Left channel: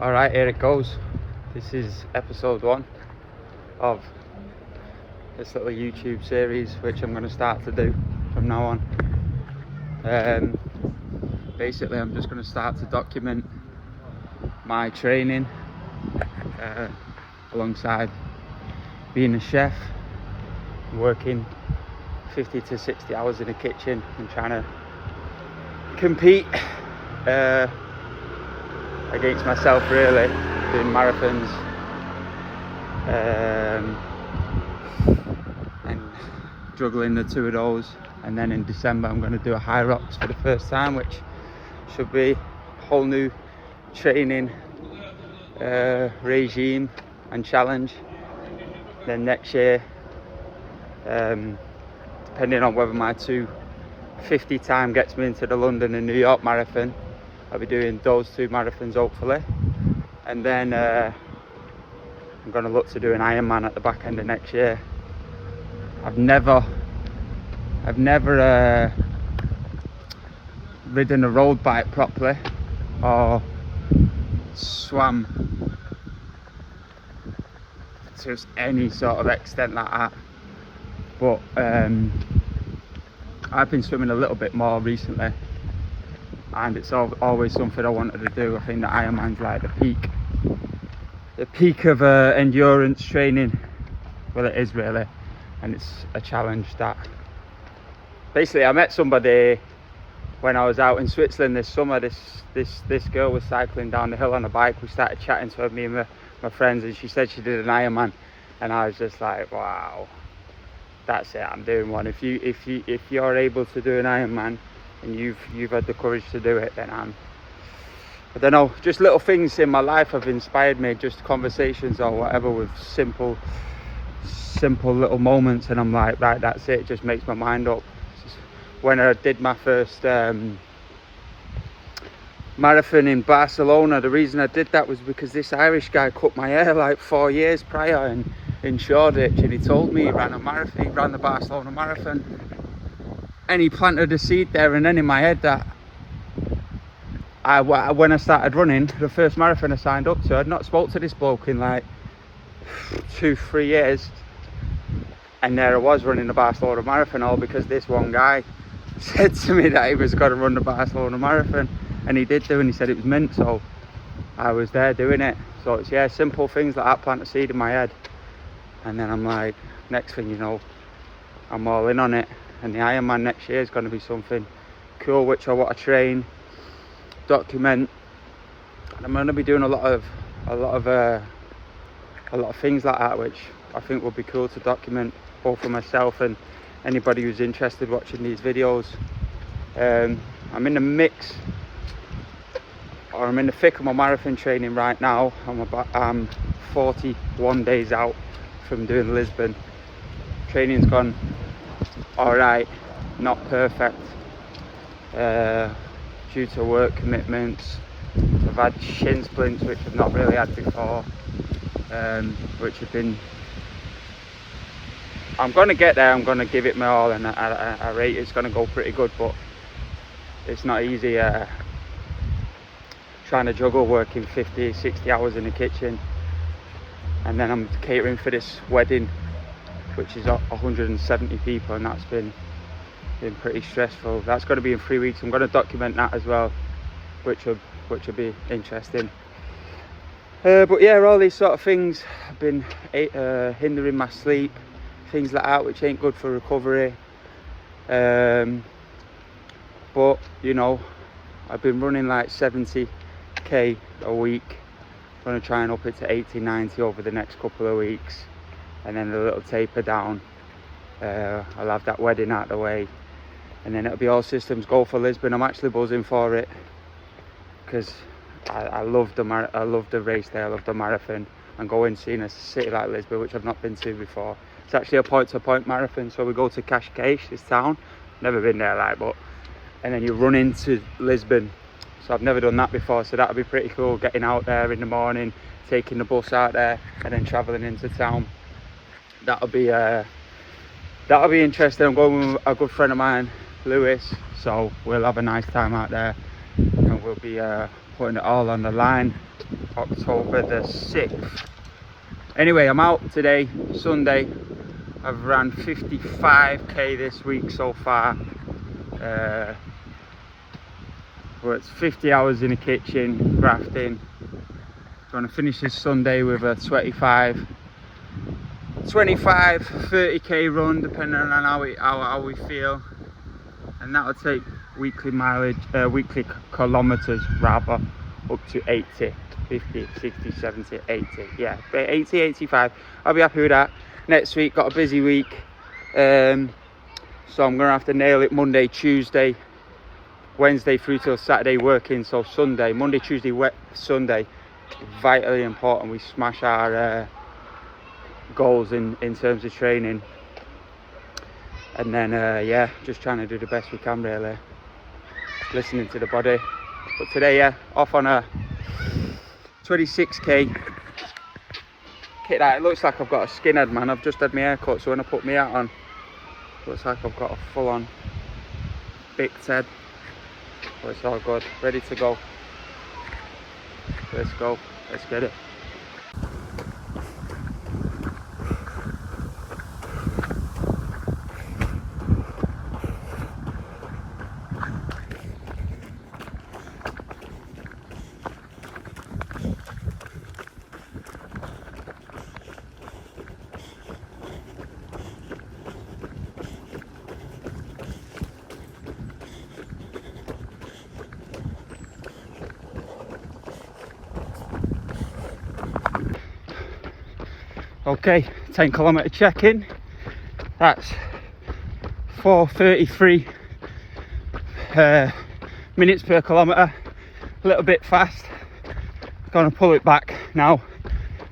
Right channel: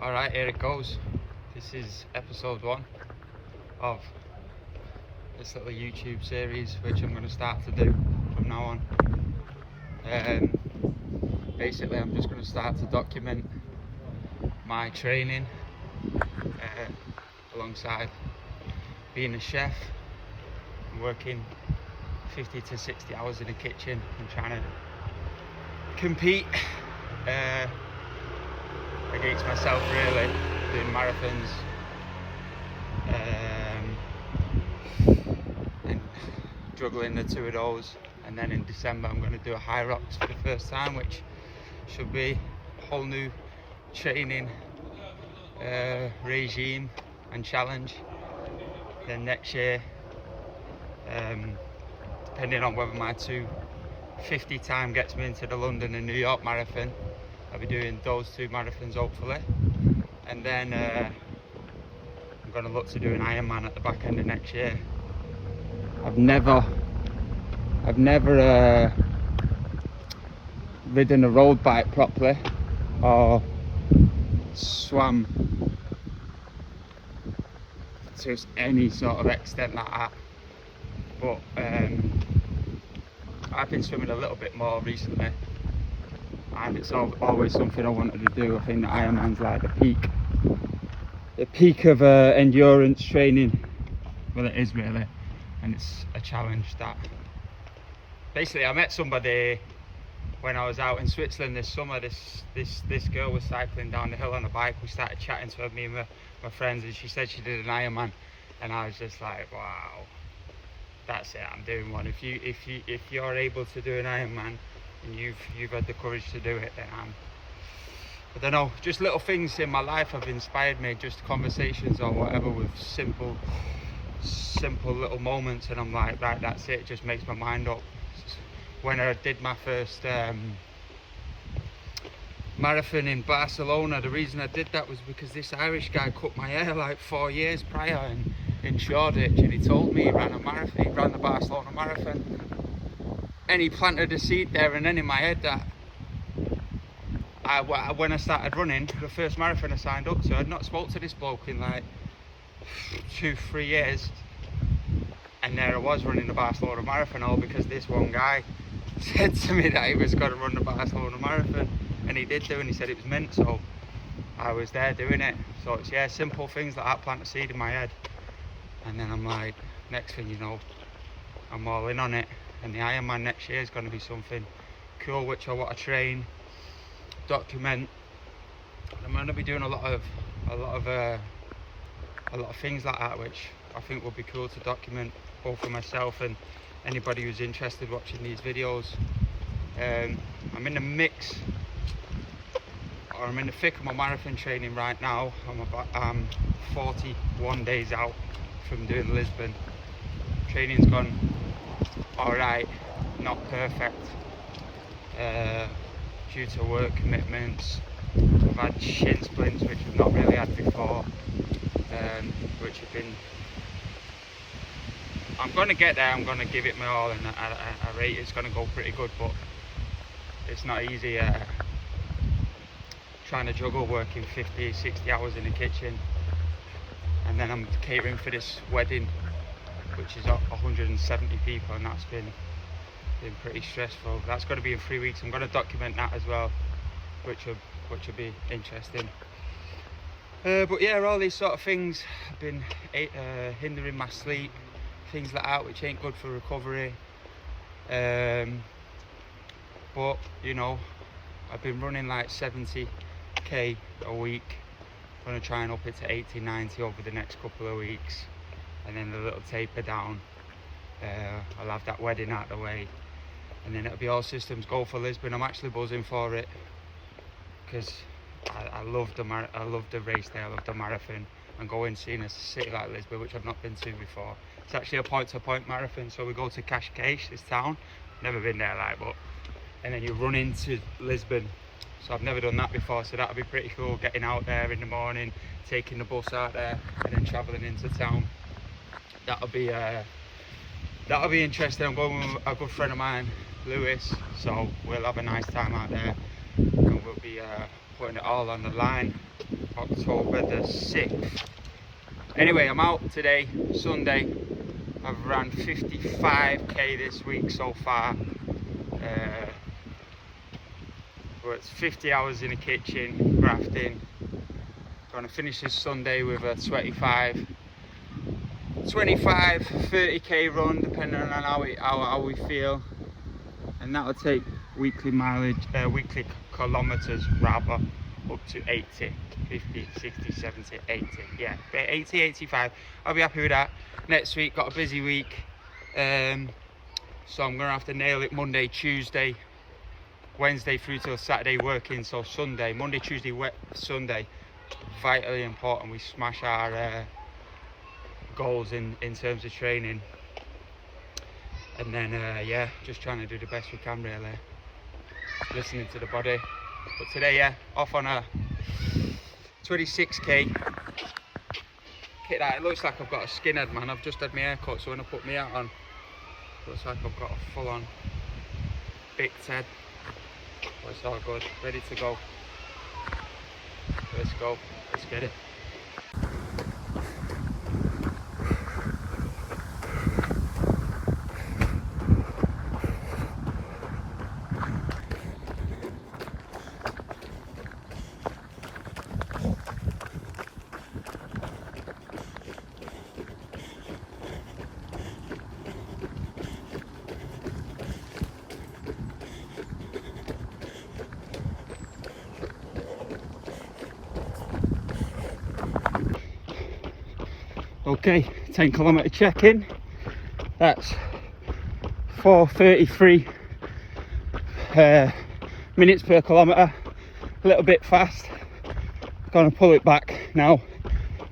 Alright, here it goes. This is episode 1 of this little YouTube series which I'm going to start to do from now on. Basically I'm just going to start to document my training alongside being a chef, working 50 to 60 hours in the kitchen and trying to compete against myself, really, doing marathons and juggling the two of those. And then in December I'm going to do a HYROX for the first time, which should be a whole new training regime and challenge. Then next year, depending on whether my 2:50 time gets me into the London and New York marathon, I'll be doing those 2 marathons hopefully. And then I'm going to look to do an Ironman at the back end of next year. I've never ridden a road bike properly or swam to any sort of extent like that, but I've been swimming a little bit more recently, and it's always something I wanted to do. I think that Ironman's like the peak of endurance training. Well, it is really, and it's a challenge that basically I met somebody when I was out in Switzerland this summer. This girl was cycling down the hill on a bike. We started chatting to her, me and my friends, and she said she did an Ironman, and I was just like, wow, that's it, I'm doing one. If you're able to do an Ironman and you've had the courage to do it, then I don't know, just little things in my life have inspired me, just conversations or whatever with simple little moments, and I'm like, right, that's it, just makes my mind up. When I did my first marathon in Barcelona, the reason I did that was because this Irish guy cut my hair like 4 years prior in Shoreditch, and he told me he ran a marathon, he ran the Barcelona marathon, and he planted a seed there. And then in my head that when I started running the first marathon I signed up to, I'd not spoke to this bloke in like 2-3 years, and there I was running the Barcelona marathon, all because this one guy said to me that he was going to run the Barcelona marathon, and he did do, and he said it was meant, so I was there doing it. So it's, yeah, simple things like that plant a seed in my head, and then I'm like, next thing you know, I'm all in on it. And the Ironman next year is going to be something cool, which I want to train, document, and I'm going to be doing a lot of things like that, which I think would be cool to document, both for myself and anybody who's interested watching these videos. I'm in the mix, or I'm in the thick of my marathon training right now. I'm 41 days out from doing Lisbon. Training's gone alright, not perfect, due to work commitments. I've had shin splints which I've not really had before, which have been, I'm going to get there, I'm going to give it my all, and I rate it's going to go pretty good, but it's not easy trying to juggle working 50, 60 hours in the kitchen, and then I'm catering for this wedding which is 170 people, and that's been pretty stressful. That's going to be in 3 weeks. I'm going to document that as well, which will be interesting. But yeah, all these sort of things have been hindering my sleep, things like that, which ain't good for recovery. But you know, I've been running like 70k a week. I'm going to try and up it to 80, 90 over the next couple of weeks, and then a little taper down. I'll have that wedding out of the way, and then it'll be all systems go for Lisbon. I'm actually buzzing for it because I love the race there, I love the marathon, and going seeing a city like Lisbon, which I've not been to before. It's actually a point-to-point marathon, so we go to Cascais, this town, never been there, like, but, and then you run into Lisbon. So I've never done that before, so that'll be pretty cool, getting out there in the morning, taking the bus out there, and then travelling into town. That'll be interesting. I'm going with a good friend of mine, Lewis, so we'll have a nice time out there, and we'll be putting it all on the line. October the 6th. Anyway, I'm out today, Sunday. I've ran 55k this week so far. Worked 50 hours in the kitchen, grafting. Going to finish this Sunday with a 25, 30k run, depending on how we feel. And that'll take weekly mileage, weekly kilometers rather, up to 80, 50, 60, 70, 80. Yeah, 80, 85. I'll be happy with that. Next week, got a busy week. So I'm going to have to nail it Monday, Tuesday, Wednesday through till Saturday working. So Sunday, Monday, Tuesday, Sunday, vitally important we smash our goals in terms of training. And then, yeah, just trying to do the best we can really. Listening to the body. But today, yeah, off on a 26k kit out. It looks like I've got a skinhead, man. I've just had my hair cut, so when I put my hat on, looks like I've got a full-on big head. But it's all good. Ready to go. Let's go. Let's get it. Okay, 10 kilometer check-in. That's 4:33 minutes per kilometer. A little bit fast. Gonna pull it back now.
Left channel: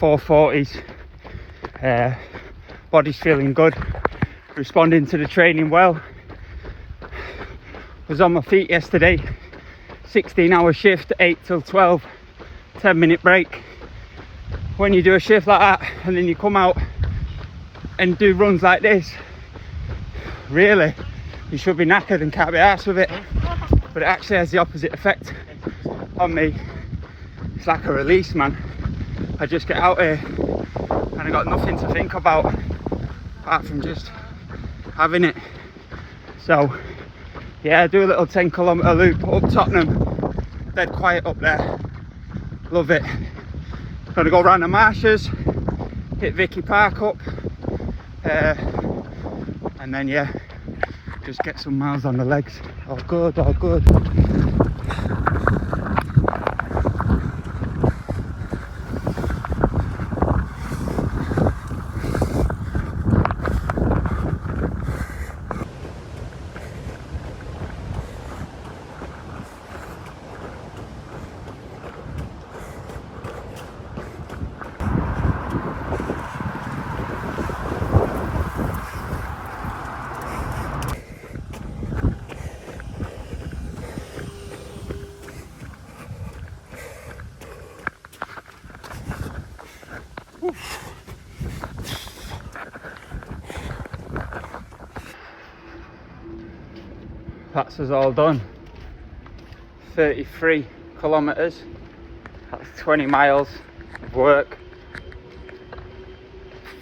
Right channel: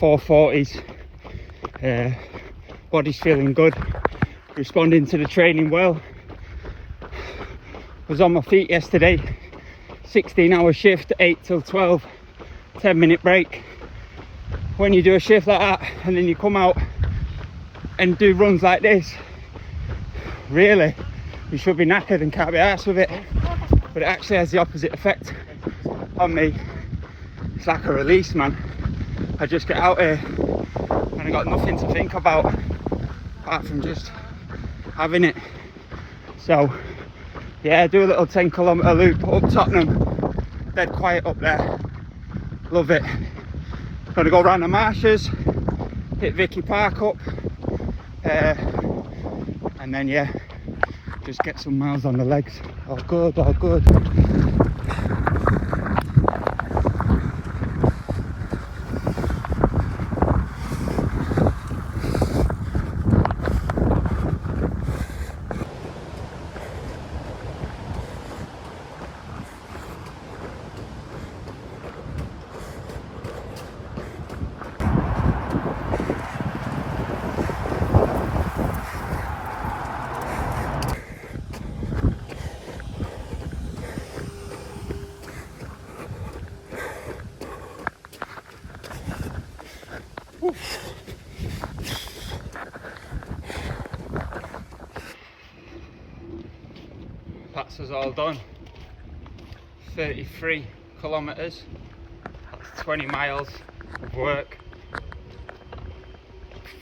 4:40s. Body's feeling good. Responding to the training well. Was on my feet yesterday. 16-hour shift, 8 till 12. 10-minute break. When you do a shift like that and then you come out and do runs like this, really, you should be knackered and can't be arsed with it. But it actually has the opposite effect on me. It's like a release, man. I just get out here and I got nothing to think about apart from just having it. So yeah, do a little 10 kilometer loop up Tottenham. Dead quiet up there. Love it. Gonna go round the marshes, hit Vicky Park up, and then yeah, just get some miles on the legs. All good, all good. That's us all done. 33 kilometers. That's 20 miles of work.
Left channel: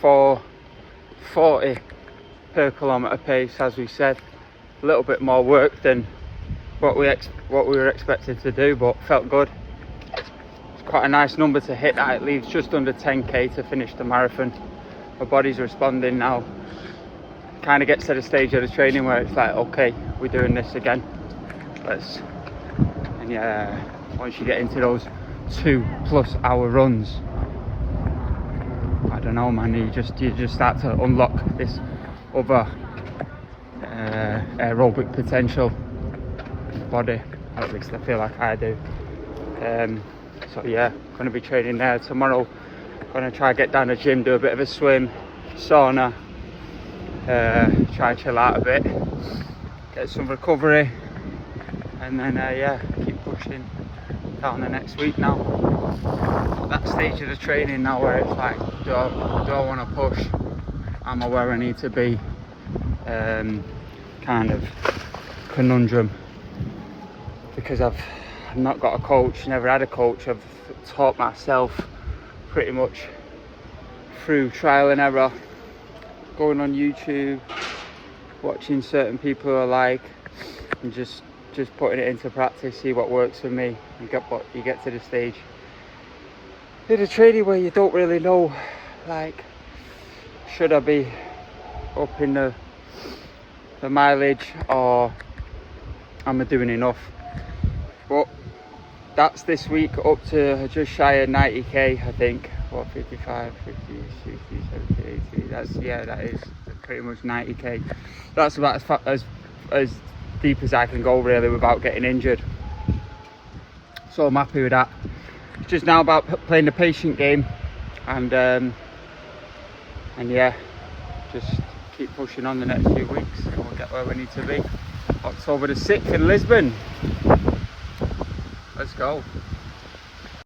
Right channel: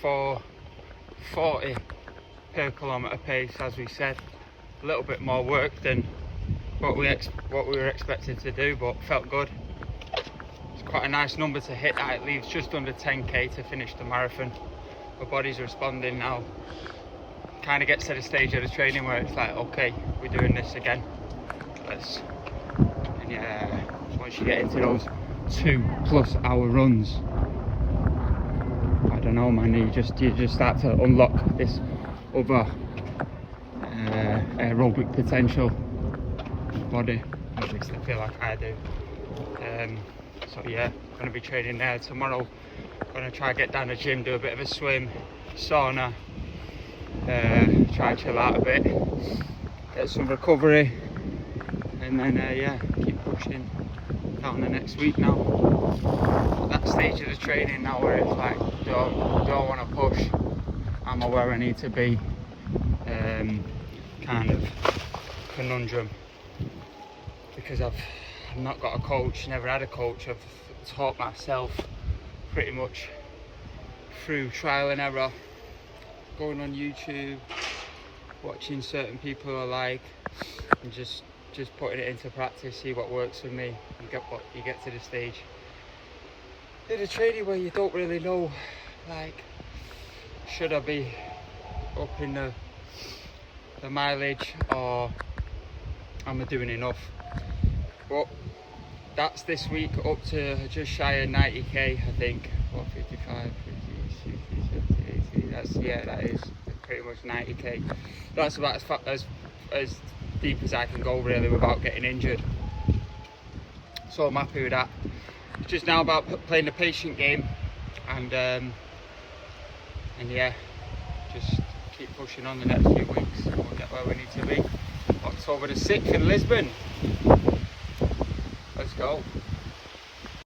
4:40 per kilometer pace, as we said. A little bit more work than what we were expected to do, but felt good. It's quite a nice number to hit. That it leaves just under 10k to finish the marathon. My body's responding now. Kind of gets to the stage of the training where it's like, okay, we're doing this again. And yeah, once you get into those 2+ hour runs, I don't know, man, you just start to unlock this other aerobic potential body. At least I feel like I do. So yeah, gonna be training there tomorrow. Gonna try get down the gym, do a bit of a swim, sauna. Try and chill out a bit, get some recovery, and then yeah, keep pushing down the next week now. That stage of the training now where it's like, do I want to push? Am I where I need to be? Kind of conundrum, because I've I've not got a coach, never had a coach. I've taught myself pretty much through trial and error, going on YouTube, watching certain people I like, and just putting it into practice, see what works for me, and you get to the stage in a training where you don't really know, like, should I be up in the mileage, or am I doing enough? But that's this week, up to just shy of 90k, I think. What, 55, 50, 60, 70, 80, that is pretty much 90k. That's about as deep as I can go, really, without getting injured. So I'm happy with that. It's just now about playing the patient game, and yeah, just keep pushing on the next few weeks, and we'll get where we need to be. October the 6th in Lisbon. Let's go.